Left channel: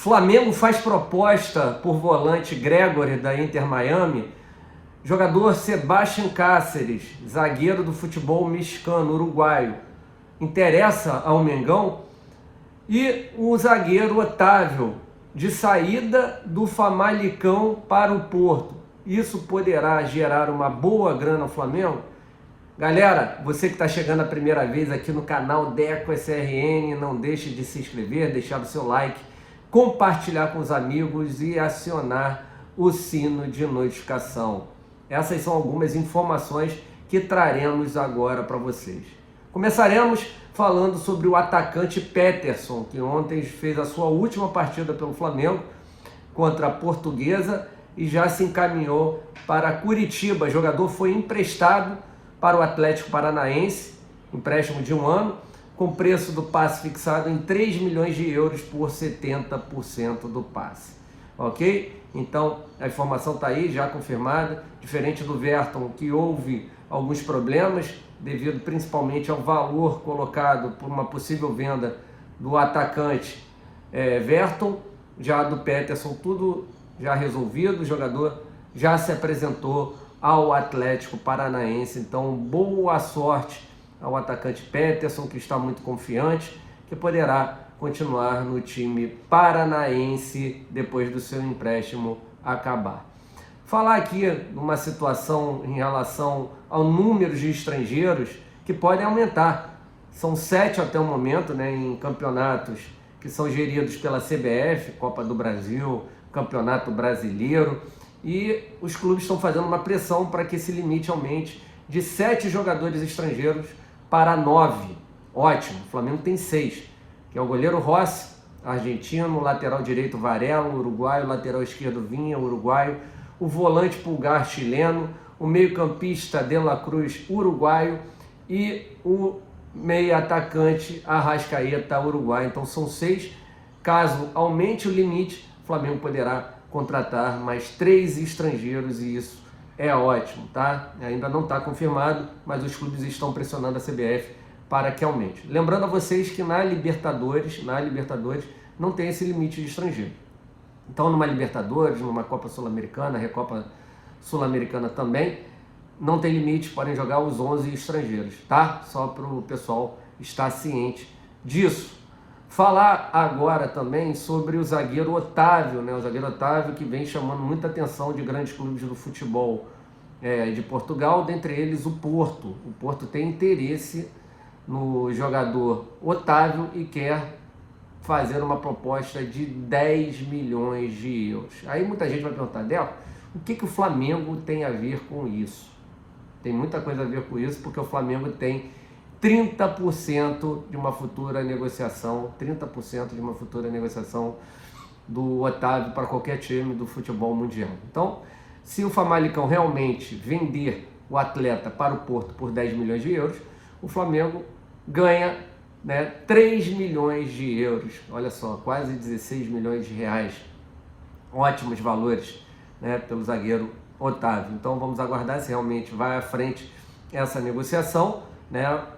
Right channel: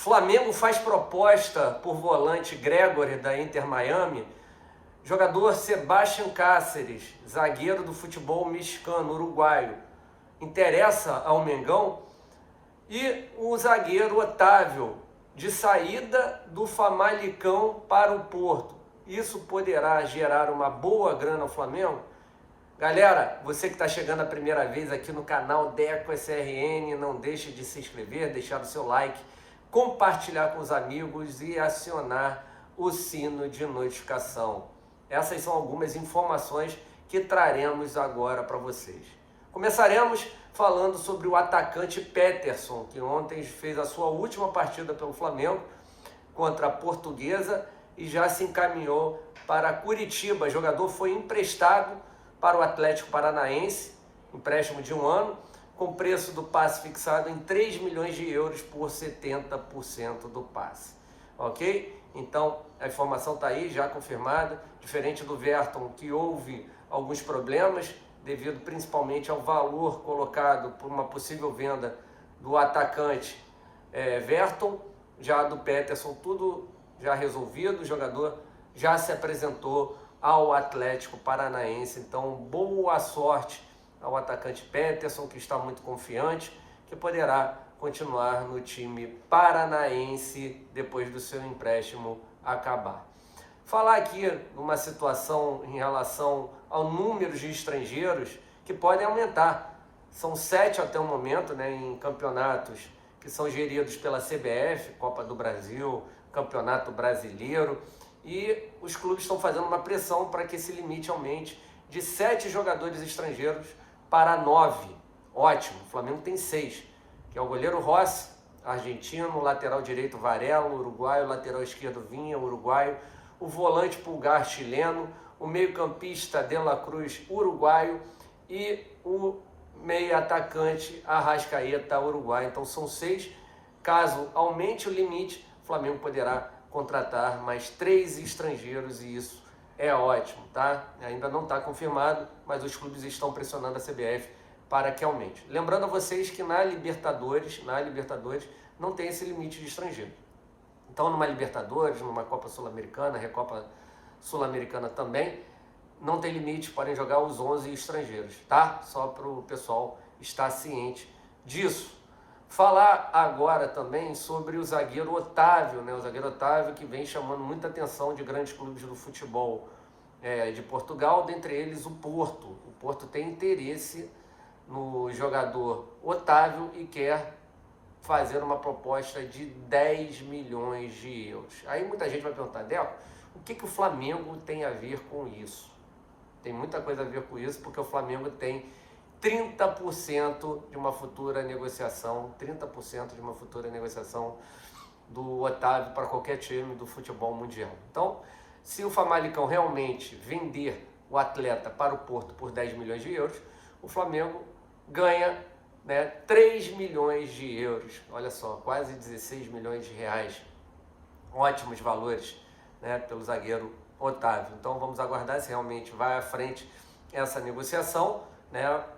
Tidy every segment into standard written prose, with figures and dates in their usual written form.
Flamengo faz proposta por volante Gregore da Inter Miami. Jogador Sebastián Cáceres, zagueiro do futebol mexicano, uruguaio, interessa ao Mengão. E o zagueiro Otávio, de saída do Famalicão para o Porto. Isso poderá gerar uma boa grana ao Flamengo? Galera, você que está chegando a primeira vez aqui no canal Deco SRN, não deixe de se inscrever, deixar o seu like, compartilhar com os amigos e acionar o sino de notificação. Essas são algumas informações que traremos agora para vocês. Começaremos falando sobre o atacante Peterson, que ontem fez a sua última partida pelo Flamengo contra a Portuguesa e já se encaminhou para Curitiba. O jogador foi emprestado para o Atlético Paranaense, empréstimo de 1 ano, com preço do passe fixado em 3 milhões de euros por 70% do passe. Ok? Então, a informação está aí, já confirmada. Diferente do Verton, que houve alguns problemas, devido principalmente ao valor colocado por uma possível venda do atacante Verton, já do Peterson, tudo já resolvido, o jogador já se apresentou ao Atlético Paranaense. Então, boa sorte ao atacante Peterson, que está muito confiante, que poderá continuar no time paranaense depois do seu empréstimo acabar. Falar aqui de uma situação em relação ao número de estrangeiros que podem aumentar. São 7 até o momento, em campeonatos que são geridos pela CBF, Copa do Brasil, Campeonato Brasileiro, e os clubes estão fazendo uma pressão para que esse limite aumente de 7 jogadores estrangeiros para 9. Ótimo, o Flamengo tem 6, que é o goleiro Rossi, argentino, lateral direito Varela, uruguaio, lateral esquerdo Vinha, uruguaio, o volante Pulgar, chileno, o meio-campista De La Cruz, uruguaio, e o meio-atacante Arrascaeta, uruguaio. Então são 6. Caso aumente o limite, o Flamengo poderá contratar mais 3 estrangeiros, e isso é ótimo, tá? Ainda não está confirmado, mas os clubes estão pressionando a CBF para que aumente. Lembrando a vocês que na Libertadores não tem esse limite de estrangeiro. Então, numa Libertadores, numa Copa Sul-Americana, Recopa Sul-Americana também, não tem limite, podem jogar os 11 estrangeiros, tá? Só para o pessoal estar ciente disso. Falar agora também sobre o zagueiro Otávio, O zagueiro Otávio, que vem chamando muita atenção de grandes clubes do futebol de Portugal, dentre eles o Porto. O Porto tem interesse no jogador Otávio e quer fazer uma proposta de 10 milhões de euros. Aí muita gente vai perguntar, Deco, o que o Flamengo tem a ver com isso? Tem muita coisa a ver com isso, porque o Flamengo tem 30% de uma futura negociação, do Otávio para qualquer time do futebol mundial. Então, se o Famalicão realmente vender o atleta para o Porto por 10 milhões de euros, o Flamengo ganha 3 milhões de euros, olha só, quase 16 milhões de reais, ótimos valores, pelo zagueiro Otávio. Então vamos aguardar se realmente vai à frente essa negociação,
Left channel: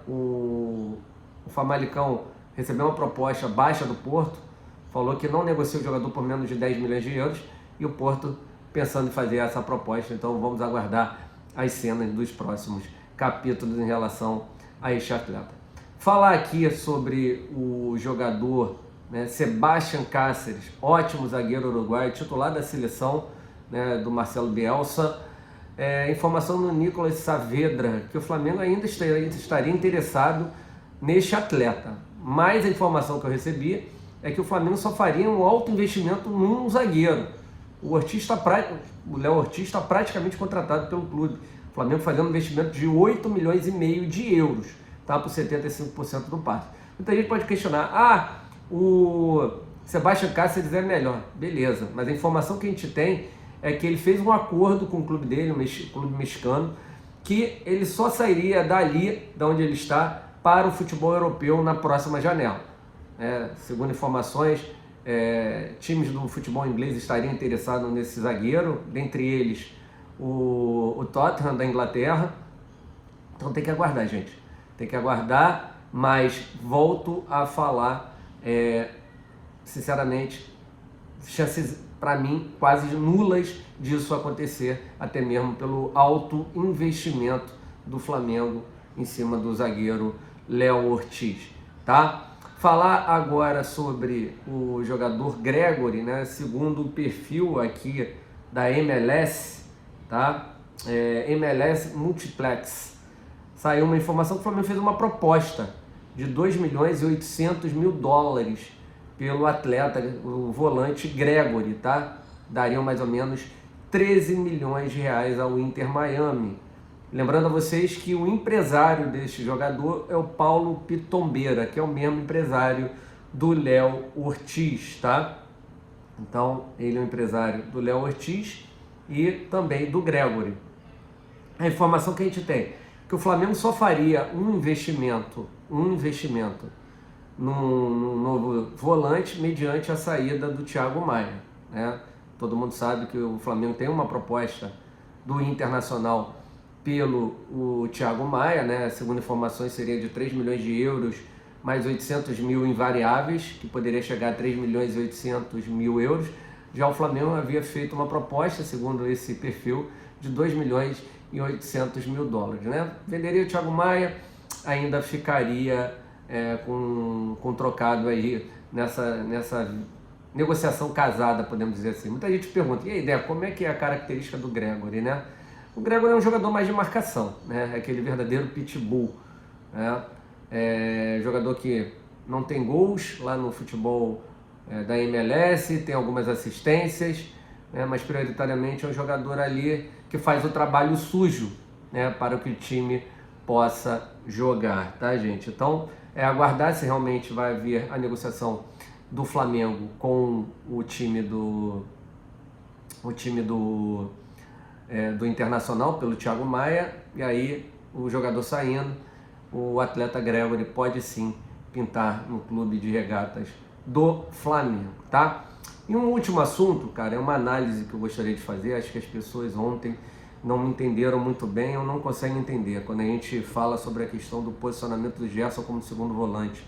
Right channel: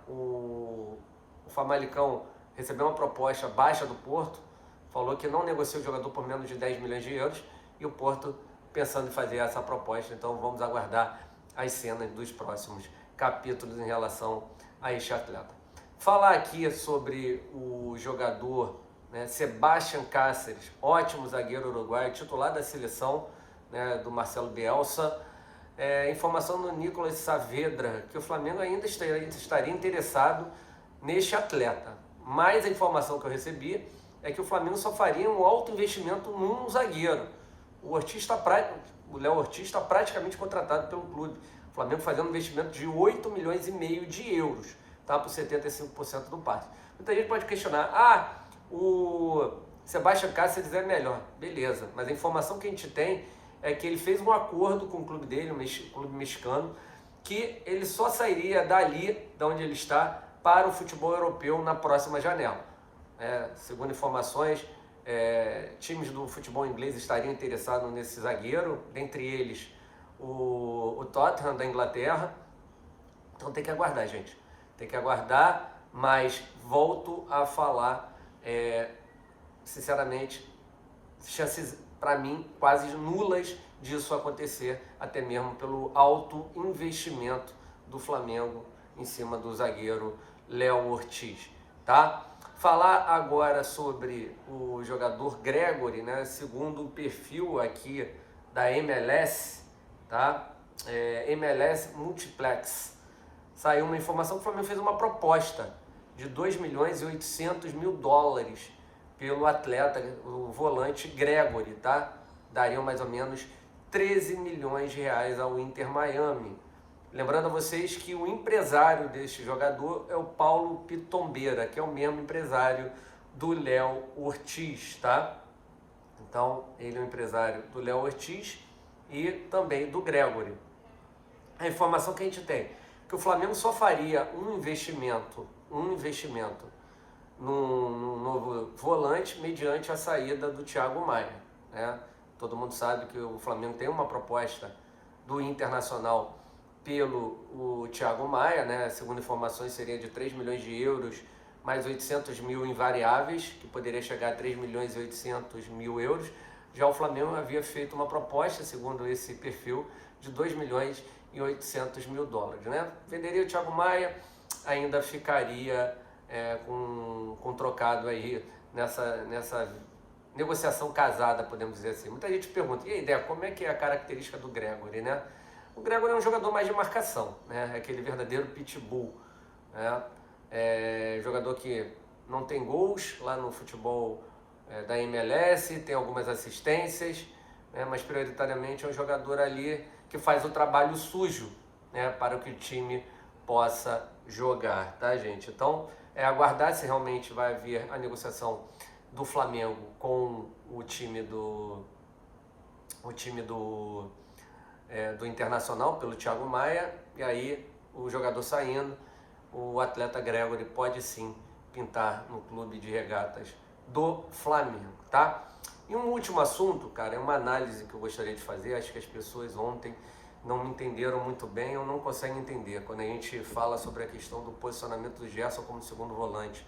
O Famalicão recebeu uma proposta baixa do Porto, falou que não negocia o jogador por menos de 10 milhões de euros, e o Porto pensando em fazer essa proposta. Então vamos aguardar as cenas dos próximos capítulos em relação a este atleta. Falar aqui sobre o jogador Sebastián Cáceres, ótimo zagueiro uruguaio, titular da seleção do Marcelo Bielsa. Informação do Nicolas Saavedra, que o Flamengo ainda estaria interessado neste atleta. Mas a informação que eu recebi é que o Flamengo só faria um alto investimento num zagueiro. O Léo Ortiz está praticamente contratado pelo clube. O Flamengo fazendo um investimento de 8 milhões e meio de euros. Tá, por 75% do passe. Muita gente pode questionar, o Sebastián Cáceres é melhor. Beleza, mas a informação que a gente tem é que ele fez um acordo com o clube dele, o clube mexicano, que ele só sairia dali, de onde ele está, para o futebol europeu na próxima janela. Segundo informações, times do futebol inglês estariam interessados nesse zagueiro, dentre eles o Tottenham da Inglaterra. Então tem que aguardar, gente. Tem que aguardar, mas volto a falar, sinceramente, chances, para mim, quase nulas disso acontecer, até mesmo pelo alto investimento do Flamengo em cima do zagueiro Léo Ortiz, tá? Falar agora sobre o jogador Gregore, né? Segundo o perfil aqui da MLS, tá? MLS Multiplex, saiu uma informação que o Flamengo fez uma proposta de 2.800.000 dólares pelo atleta, o volante Gregore, tá? Dariam mais ou menos 13 milhões de reais ao Inter Miami. Lembrando a vocês que o empresário deste jogador é o Paulo Pitombeira, que é o mesmo empresário do Léo Ortiz, tá? Então, ele é o empresário do Léo Ortiz e também do Gregore. A informação que a gente tem, que o Flamengo só faria um investimento num novo volante mediante a saída do Thiago Maia, né? Todo mundo sabe que o Flamengo tem uma proposta do Internacional pelo Thiago Maia, né? Segundo informações seria de 3 milhões de euros mais 800 mil em variáveis, que poderia chegar a 3 milhões e 800 mil euros. Já o Flamengo havia feito uma proposta, segundo esse perfil, de 2 milhões e 800 mil dólares, né? Venderia o Thiago Maia, ainda ficaria com trocado aí nessa negociação casada, podemos dizer assim. Muita gente pergunta, e aí, Deco, como é que é a característica do Gregore, né? O Gregore é um jogador mais de marcação, né? É aquele verdadeiro pitbull, né? Jogador que não tem gols lá no futebol da MLS, tem algumas assistências, né? Mas prioritariamente é um jogador ali que faz o trabalho sujo, né? Para que o time possa jogar, tá, gente? Então, aguardar se realmente vai haver a negociação do Flamengo com o time do Internacional pelo Thiago Maia, e aí o jogador saindo, o atleta Gregore pode sim pintar no clube de regatas do Flamengo, tá? E um último assunto, cara, é uma análise que eu gostaria de fazer. Acho que as pessoas ontem não me entenderam muito bem ou não conseguem entender quando a gente fala sobre a questão do posicionamento do Gerson como segundo volante,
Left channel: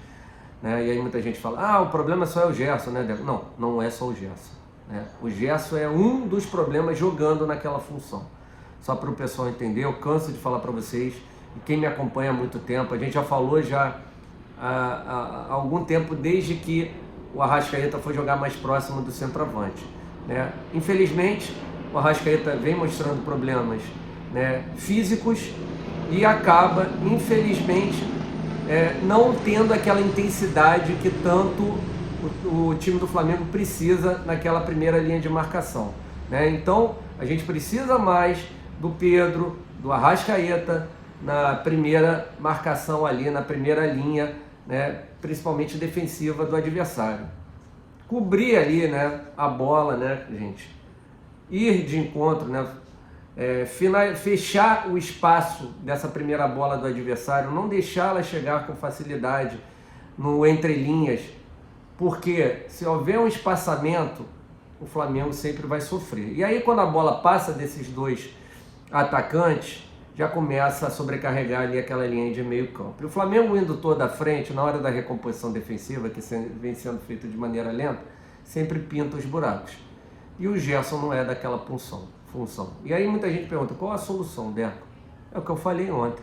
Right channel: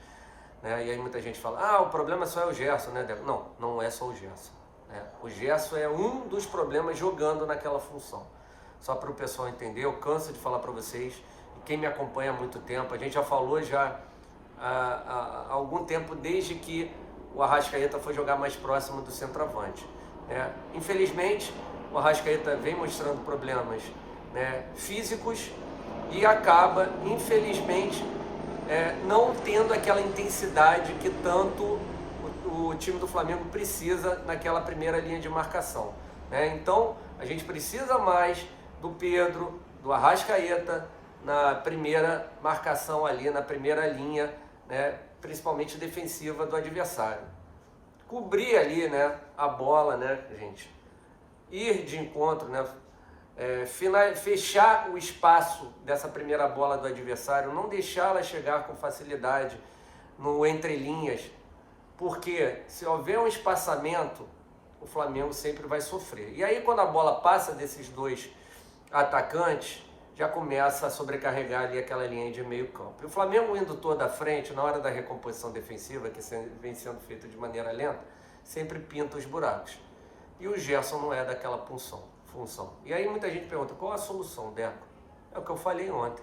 né? E aí muita gente fala, o problema só é o Gerson, né, Deco? Não, não é só o Gerson, né? O Gerson é um dos problemas jogando naquela função. Só para o pessoal entender, eu canso de falar para vocês, e quem me acompanha há muito tempo, a gente já falou há algum tempo, desde que o Arrascaeta foi jogar mais próximo do centroavante, né? Infelizmente, o Arrascaeta vem mostrando problemas, né, físicos e acaba, infelizmente, não tendo aquela intensidade que tanto o time do Flamengo precisa naquela primeira linha de marcação, né? Então, a gente precisa mais do Pedro, do Arrascaeta na primeira marcação ali, na primeira linha, né, principalmente defensiva do adversário. Cobrir ali, né, a bola, né, gente? Ir de encontro, né? Fechar o espaço dessa primeira bola do adversário, não deixá-la chegar com facilidade no entrelinhas, porque se houver um espaçamento, o Flamengo sempre vai sofrer. E aí quando a bola passa desses dois atacantes, já começa a sobrecarregar ali aquela linha de meio campo. E o Flamengo indo toda à frente, na hora da recomposição defensiva, que vem sendo feita de maneira lenta, sempre pinta os buracos. E o Gerson não é daquela função. E aí muita gente pergunta, qual a solução, Deco? É o que eu falei ontem.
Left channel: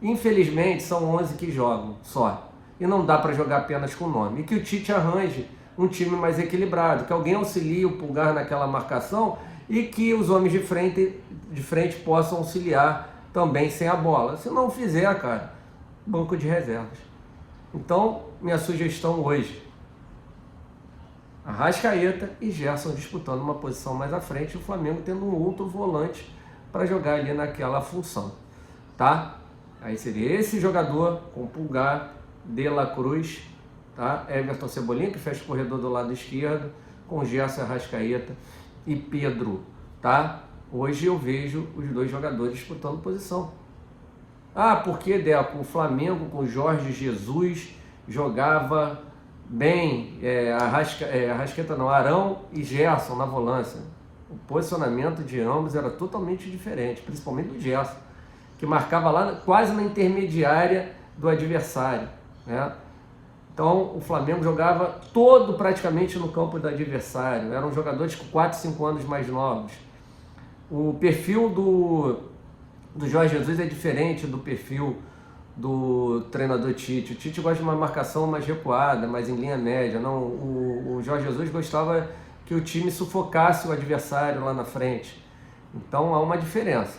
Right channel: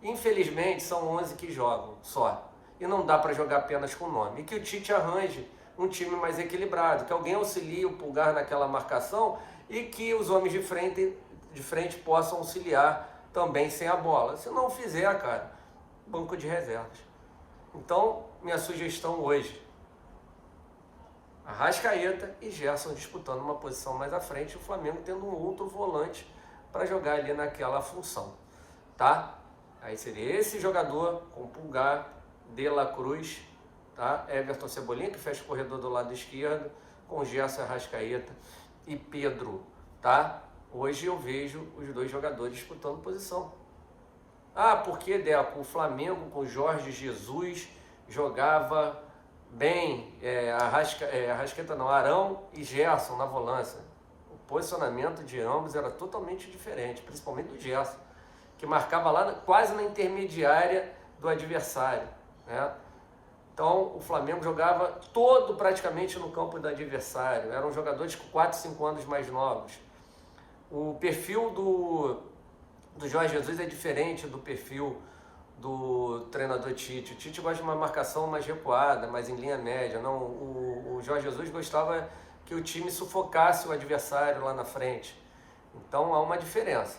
Infelizmente, são 11 que jogam só. E não dá para jogar apenas com nome. E que o Tite arranje um time mais equilibrado, que alguém auxilie o Pulgar naquela marcação e que os homens de frente possam auxiliar também sem a bola. Se não fizer, cara, banco de reservas. Então, minha sugestão hoje, Arrascaeta e Gerson disputando uma posição mais à frente e o Flamengo tendo um outro volante para jogar ali naquela função, tá? Aí seria esse jogador com Pulgar, De La Cruz, tá? Everton Cebolinha, que fecha o corredor do lado esquerdo, com Gerson, Arrascaeta e Pedro, tá? Hoje eu vejo os dois jogadores disputando posição. Porque, Deco, o Flamengo com Jorge Jesus jogava bem, Arrascaeta não, Arão e Gerson na volância. O posicionamento de ambos era totalmente diferente, principalmente do Gerson, que marcava lá quase na intermediária do adversário, né? Então o Flamengo jogava todo praticamente no campo do adversário. Eram jogadores com 4, 5 anos mais novos. O perfil do Jorge Jesus é diferente do perfil do treinador Tite. O Tite gosta de uma marcação mais recuada, mais em linha média. Não, o Jorge Jesus gostava que o time sufocasse o adversário lá na frente. Então há uma diferença,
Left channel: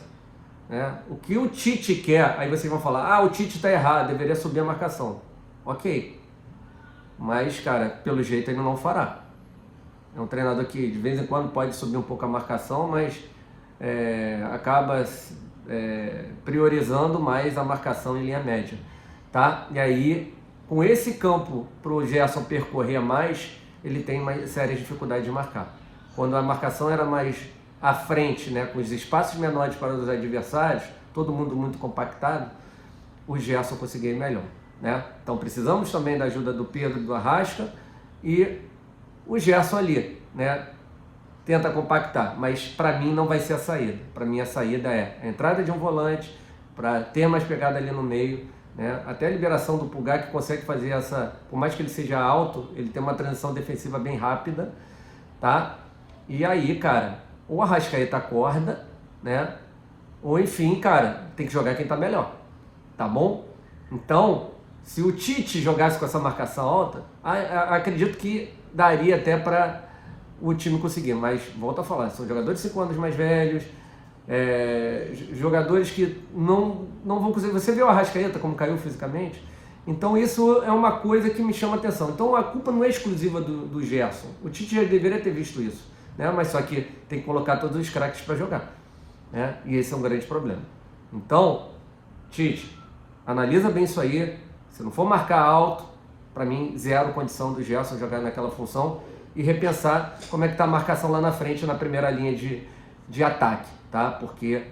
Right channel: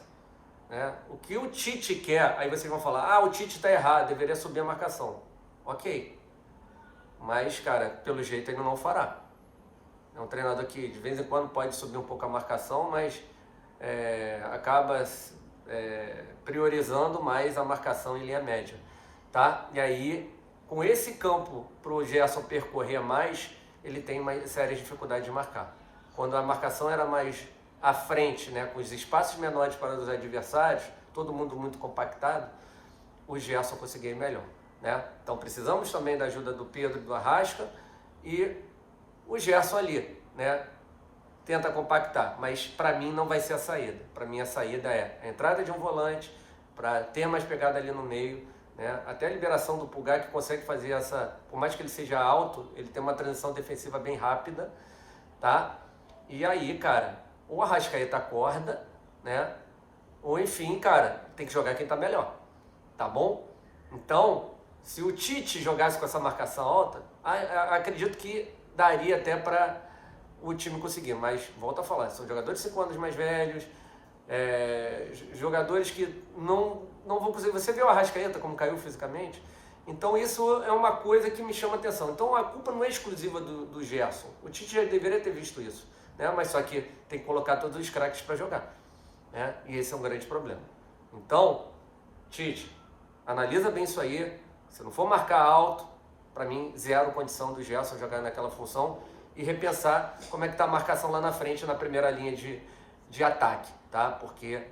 né? O que o Tite quer, aí vocês vão falar, o Tite está errado, deveria subir a marcação. Ok, mas cara, pelo jeito ele não fará. É um treinador que de vez em quando pode subir um pouco a marcação, mas acaba priorizando mais a marcação em linha média, tá? E aí, com esse campo para o Gerson percorrer mais, ele tem uma séria dificuldade de marcar. Quando a marcação era mais à frente, né, com os espaços menores para os adversários, todo mundo muito compactado, o Gerson conseguia ir melhor, né? Então precisamos também da ajuda do Pedro e do Arrasca, e o Gerson ali, né, tenta compactar, mas para mim não vai ser a saída. Para mim a saída é a entrada de um volante, para ter mais pegada ali no meio, né? Até a liberação do Pulgar, que consegue fazer essa, por mais que ele seja alto, ele tem uma transição defensiva bem rápida, tá? E aí, cara, ou a Arrascaeta acorda, né? Ou enfim, cara, tem que jogar quem tá melhor, tá bom? Então, se o Tite jogasse com essa marcação alta, acredito que daria até para o time conseguir, mas volto a falar, são jogadores de 5 anos mais velhos, jogadores que não vão conseguir. Você vê o Arrascaeta como caiu fisicamente? Então isso é uma coisa que me chama a atenção. Então a culpa não é exclusiva do Gerson, o Tite já deveria ter visto isso, né? Mas só que tem que colocar todos os craques para jogar, né? E esse é um grande problema. Então, Tite, analisa bem isso aí. Se não for marcar alto, para mim zero condição do Gerson jogar naquela função, e repensar como é que está a marcação lá na frente, na primeira linha de ataque, tá? Porque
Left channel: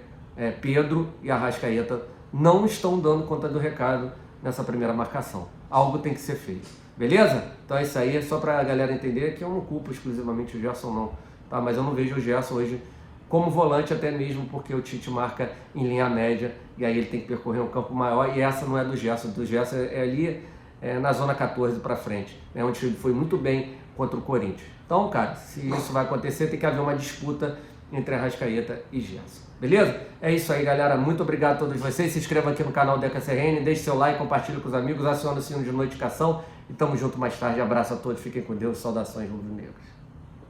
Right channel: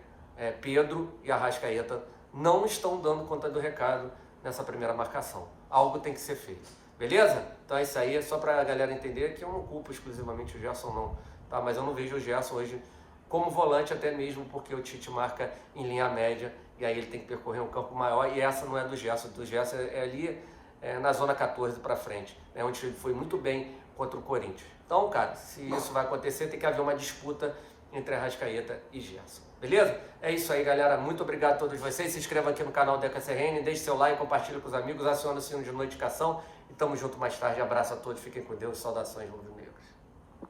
Pedro e Arrascaeta não estão dando conta do recado nessa primeira marcação. Algo tem que ser feito, beleza? Então é isso aí, só para a galera entender que eu não culpo exclusivamente o Gerson não, tá? Mas eu não vejo o Gerson hoje como volante, até mesmo porque o Tite marca em linha média, e aí ele tem que percorrer um campo maior, e essa não é do Gerson é ali na zona 14 para frente, né? Onde ele foi muito bem contra o Corinthians. Então, cara, se isso vai acontecer, tem que haver uma disputa entre Arrascaeta e Gerson. Beleza? É isso aí, galera. Muito obrigado a todos vocês. Se inscreva aqui no canal Deca CRN, deixe seu like, compartilhe com os amigos, acione o sino de notificação e tamo junto mais tarde. Abraço a todos, fiquem com Deus, saudações rubro-negras.